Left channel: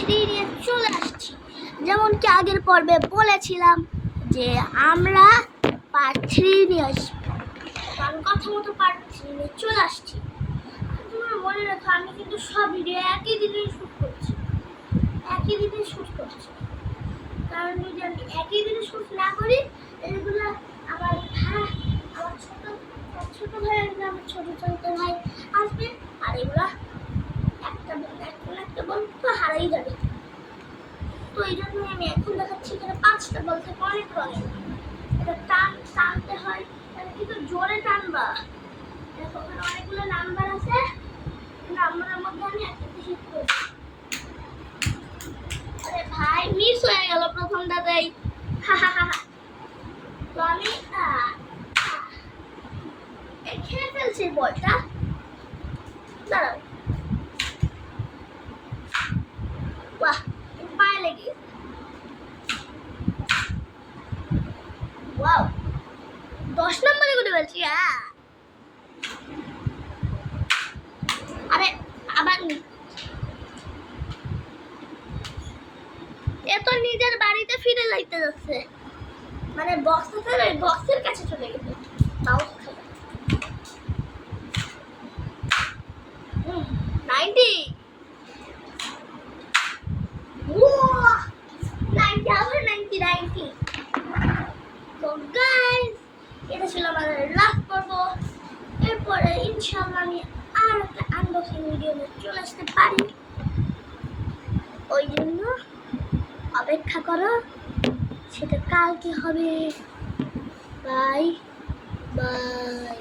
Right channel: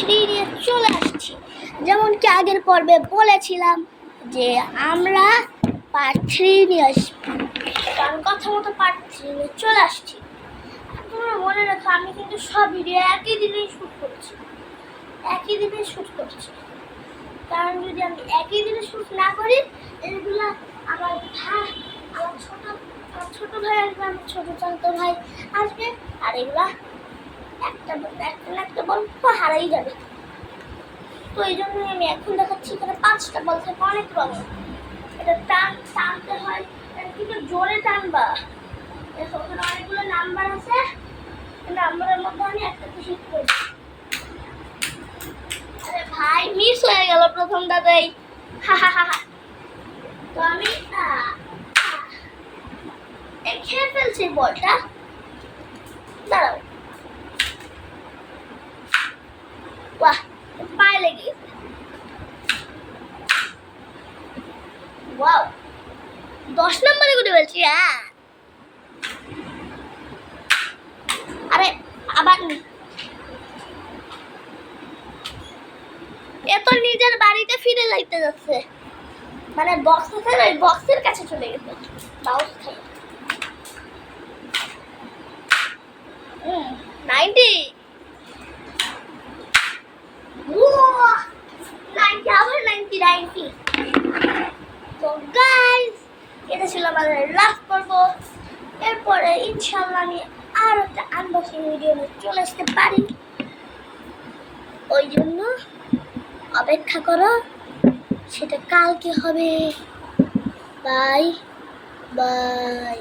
Three নিয়ে চলে আসছি। যেমন কি আগের পর্বে বলেছিলাম যে আমরা পার্ট থ্রি নিয়ে আসবো, কারণ কথা মতো পার্ট থ্রি নিয়ে চলে আসছি। তোমরা মনে রাখো, আমি কিন্তু সব ভিডিও একই দিনেই শ্যুট করছি, কারণ যদি আমি একই দিনে শ্যুট না করি, এগুলো আমার ভাই, আমার ছোট ভাই আসবে, আমার ছোট চান্ত ভাই আসবে, আর এগুলা একটা বল হারাই যাবে। তো এই জন্যই আমি এখন দেখাচ্ছি। এখানে 5টা বল থাকে, অনেক রঙের। এটা টানতে হয়, এটা কিন্তু জোরে টানবা। দেখো ওখানে অনেকগুলো নাম্বার আছে, নাম্বারের মধ্যে আমি একটাতে হিট করছি। আরে ভাই, মিস হয়ে গেল প্রথমটাতেই। তো আমি খেয়ে ফেলছি বলটা। দাঁড়াও, বাহ, পায়ে লেগে গেছে। ওয়াও, 10 নম্বরে করে বলছি। আরে আবার এ তো নিজের বাড়িতে ফিরে যাইতে যাচ্ছে, মানে বক্স আছে, ওই বক্সের কাছে চলে গেছে। বাউন্স খাই 90 আবার 90। তো গাইস, এটা ছিল আমাদের লাস্ট পর্ব। এরপরে ইনশাআল্লাহ আমি আর একটা আনবক্সিং ভিডিও নিয়ে চলে আসতে পারি, ওই জন্য অপেক্ষা করো, সেটা কালকে হবে। Bye bye.